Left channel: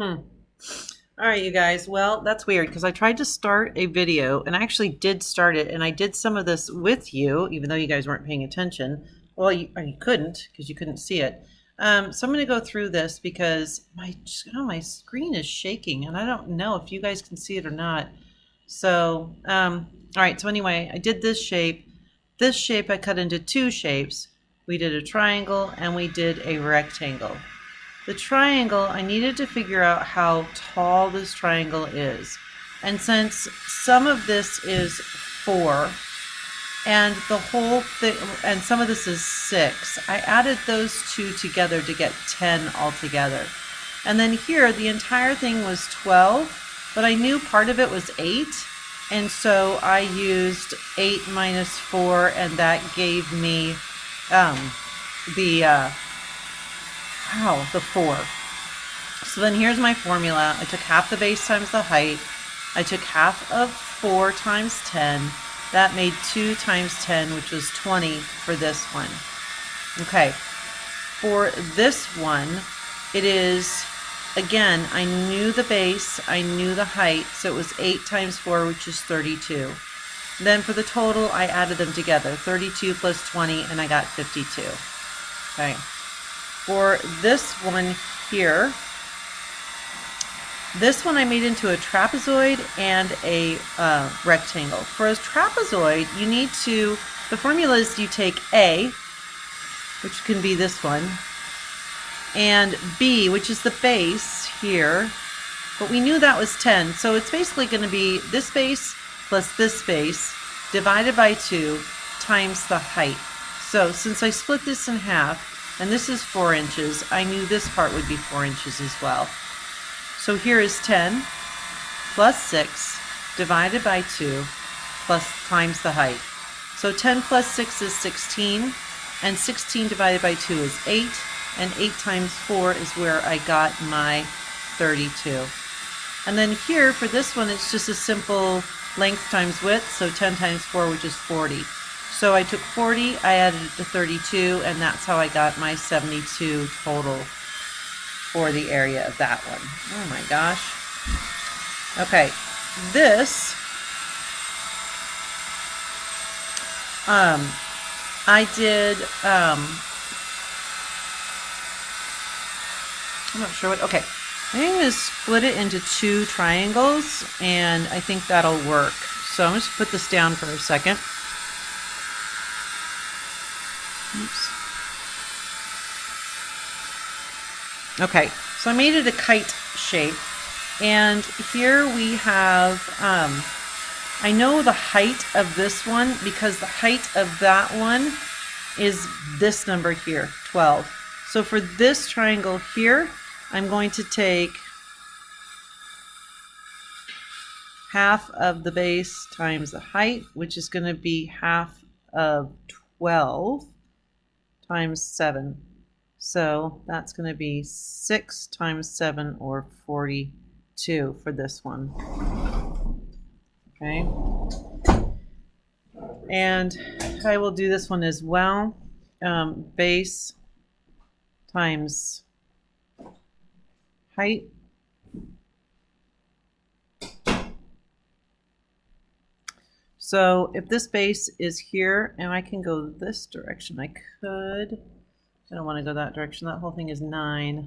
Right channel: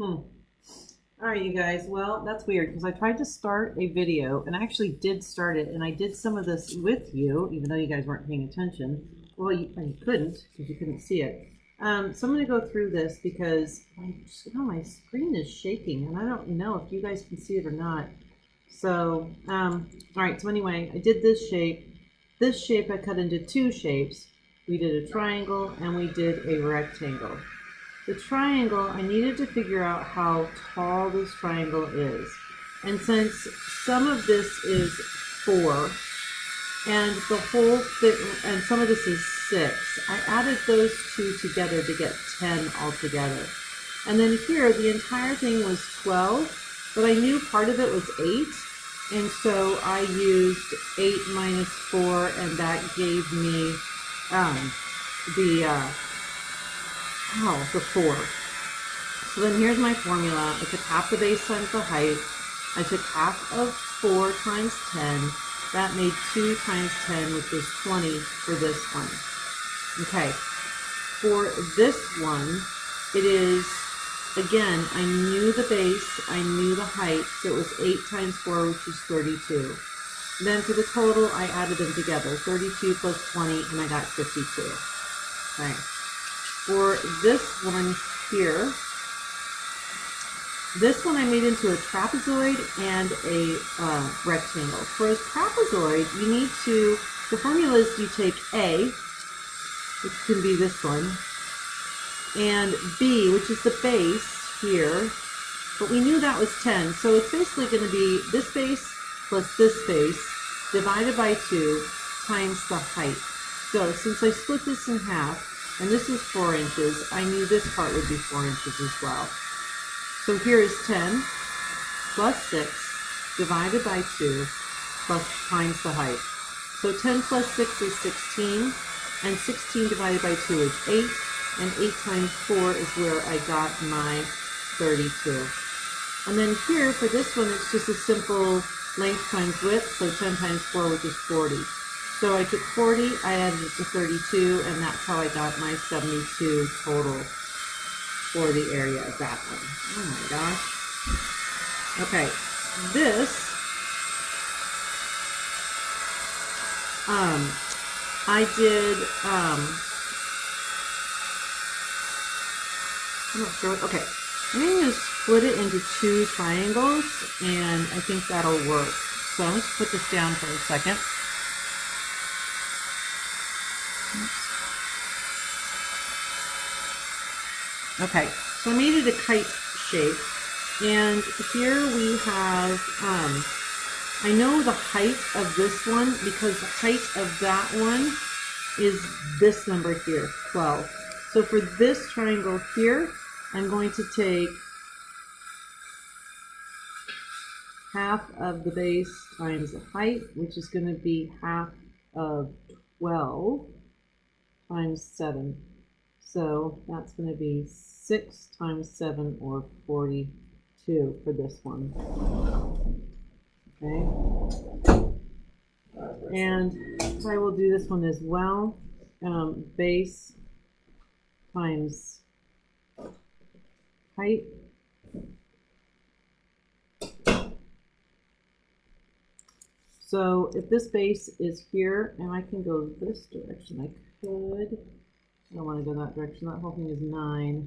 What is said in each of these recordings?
Hmm. All right, you guys. Well, that's weird because I tried to start a video and I actually did start it, and I did some of this with you, even though you guys weren't paying attention. Well, you couldn't because you couldn't see it. So I'm going to go through this because my screen is shaking and I don't know if you guys can see it or not. So, all right. So anyway, I did this shape. This shape I cut into two shapes. We did a triangle and we did a rectangle. The triangle, I needed to figure out how tall this triangle is. And since some of this is 4 and the whole thing, and some of this is 6, I added those two together to get 10 altogether. And then here, the entire thing was 12, but I knew part of it was 8. And so I used 8 minus 4, and that gave me the the 4. So then here's my formula. I took half the base times the height. I took half of 4 times 10. That made 2 times 10, which was 20 for this one. Okay, for this one, it is, again, I knew the base, I knew the height, so it was 8 times 4, which is 32. Then for the total, I added them together, 32 plus 20, and I got 52. Okay. For this one here, this one I made into a trapezoid and a rectangle. For a trapezoid, you need to, the formula is you take A, which can be this one, and B, which is the base here, but we knew that was 10, so it's basically going to be this base plus this base divided by 2 times the height. So since I split this in half, and this is 4 inches, I knew this part would be 4 inches as well. So here is 10 plus 6 divided by 2 plus times the height. So 10 plus 6 is 16, and 16 divided by 2 is 8, and 8 times 4 is where I got my 32. And then here for this one, it's just a simple length times width, so 10 times 4, which is 40. So I took 40, I added it to 32, and that's how I got my 72 total for the area of that one. Oh my gosh. Okay, this, I did, I'm not sure what, okay. I'm going to split it into 2 triangles, and I think that'll work. So I'm just put this down for a second. Oops. Okay, so I made it a kite shape, and here we have, I know the height of this one because the height of that one is this number here, 12. So for this triangle here, I'm going to take half of the base times the height, which is going to be half of 12 times 7. So that's going to be 6 times 7, or 42 for this one. Okay. And I will do this one as well. Base times height. So if this base is here, and I can go this direction, I could. I don't want to go that direction. That whole thing is 9.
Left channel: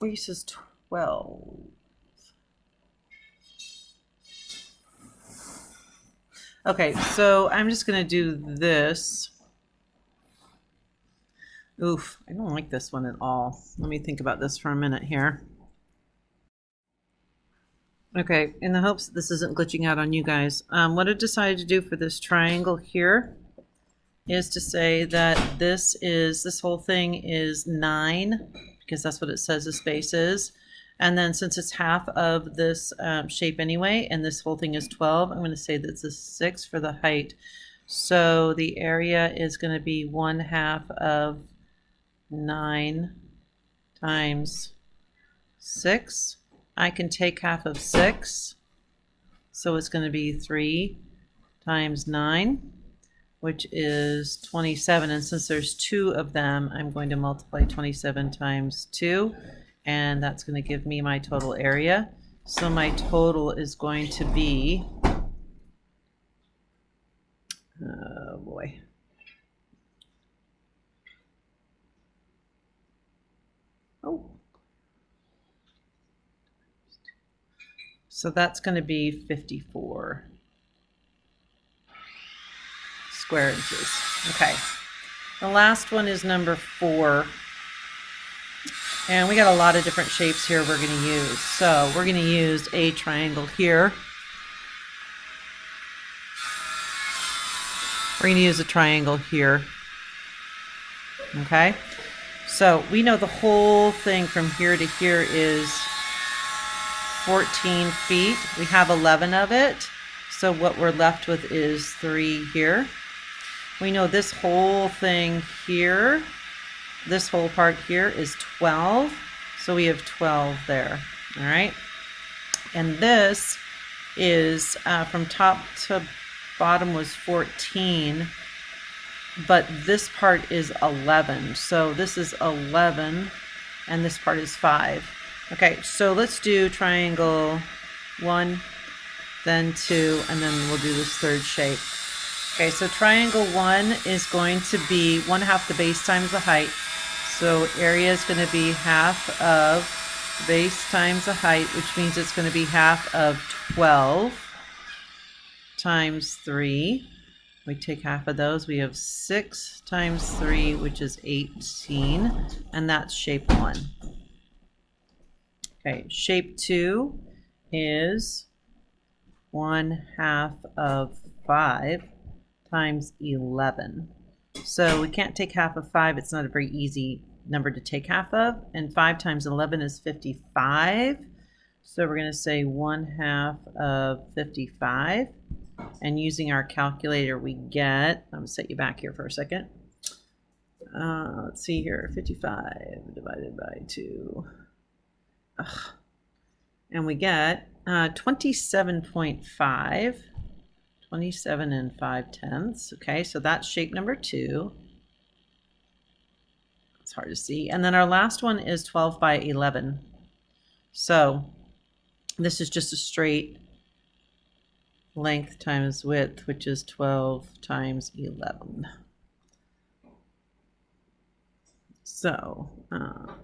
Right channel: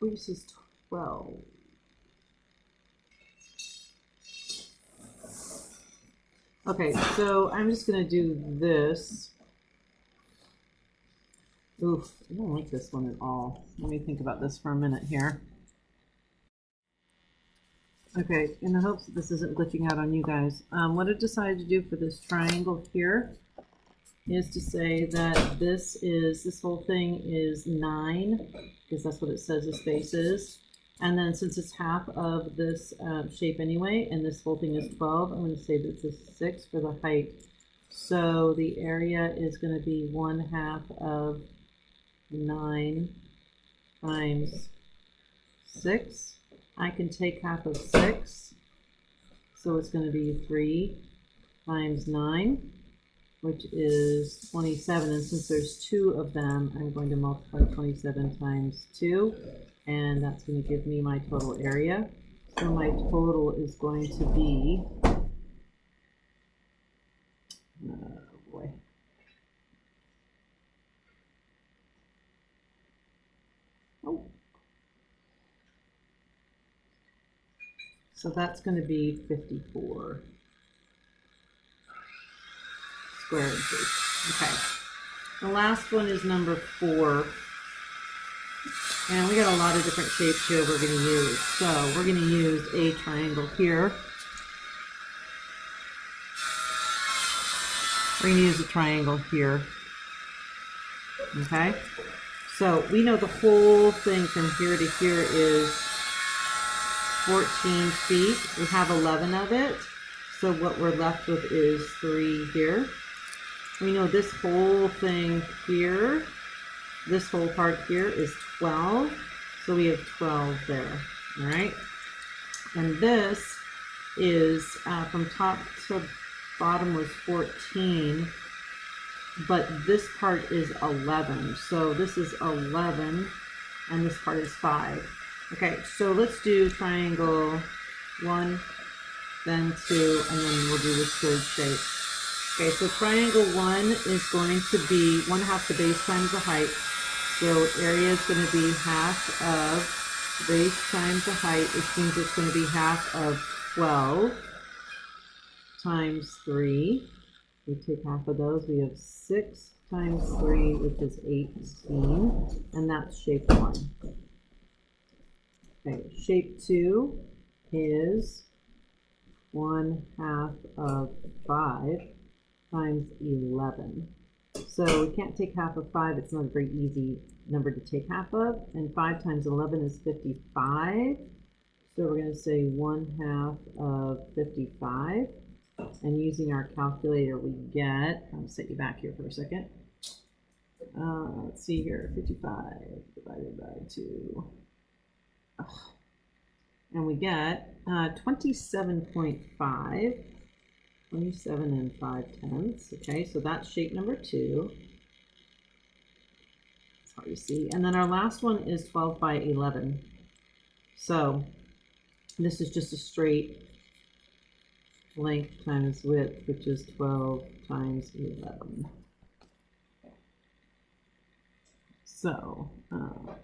Base is 12. Okay, so I'm just going to do this. Oof, I don't like this one at all. Let me think about this for a minute here. Okay, in the hopes that this isn't glitching out on you guys, what I decided to do for this triangle here is to say that this whole thing is 9, because that's what it says the space is. And then since it's half of this shape anyway, and this whole thing is 12, I'm going to say that this is 6 for the height. So the area is going to be 1/2 of 9 times 6. I can take half of 6, so it's going to be 3 times 9, which is 27. And since there's 2 of them, I'm going to multiply 27 times 2, and that's going to give me my total area. So my total is going to be, oh boy. Oh. So that's going to be 54 square inches. Okay. The last one is number 4. And we got a lot of different shapes here we're going to use. So we're going to use a triangle here. We're going to use a triangle here. Okay. So we know the whole thing from here to here is 14 feet. We have 11 of it. So what we're left with is 3 here. We know this whole thing here, this whole part here is 12. So we have 12 there. All right. And this is from top to bottom was 14. But this part is 11. So this is 11 and this part is 5. Okay, so let's do triangle 1, then 2, and then we'll do this third shape. Okay, so triangle 1 is going to be 1/2 the base times the height. So area is going to be half of base times the height, which means it's going to be half of 12 times 3. We take half of those, we have 6 times 3, which is 18, and that's shape 1. Okay, shape 2 is 1/2 of 5 times 11. So we can't take half of 5, it's not a very easy number to take half of, and 5 times 11 is 55. So we're going to say 1/2 of 55. And using our calculator, we get, I'm going to set you back here for a second. Let's see here, 55 divided by 2. And we get 27.5, 27 and 5/10. Okay, so that's shape number 2. It's hard to see. And then our last one is 12 by 11. So this is just a straight length times width, which is 12 times 11. So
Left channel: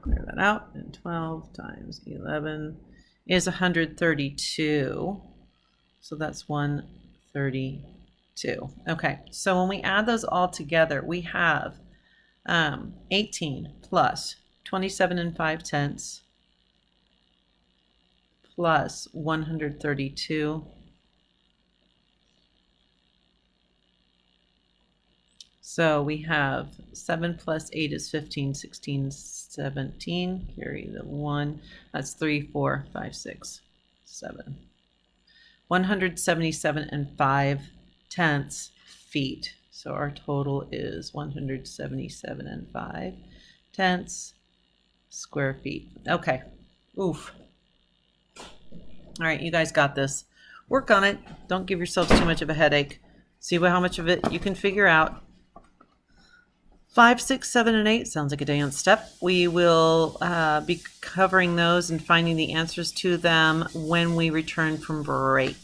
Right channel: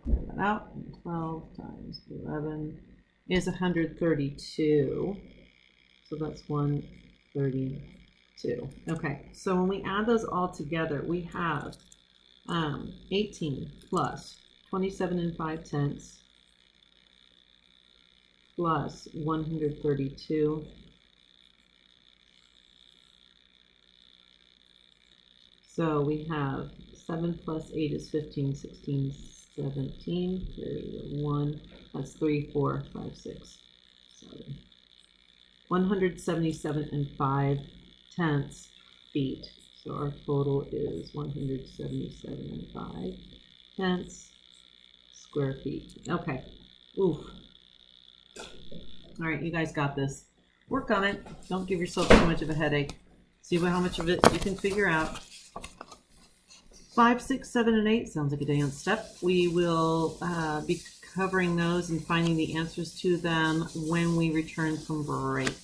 clear that out, and 12 times 11 is 132. So that's 132. Okay, so when we add those all together, we have 18 plus 27 and 5/10 plus 132. So we have 7 plus 8 is 15, 16, 17. Carry the 1. That's 3, 4, 5, 6, 7. 177 and 5/10 feet. So our total is 177 and 5/10 square feet. Okay. Oof. All right, you guys got this. Work on it. Don't give yourself too much of a headache. See how much of it you can figure out. 5, 6, 7, and 8 sounds like a dance step. We will be covering those and finding the answers to them when we return from break.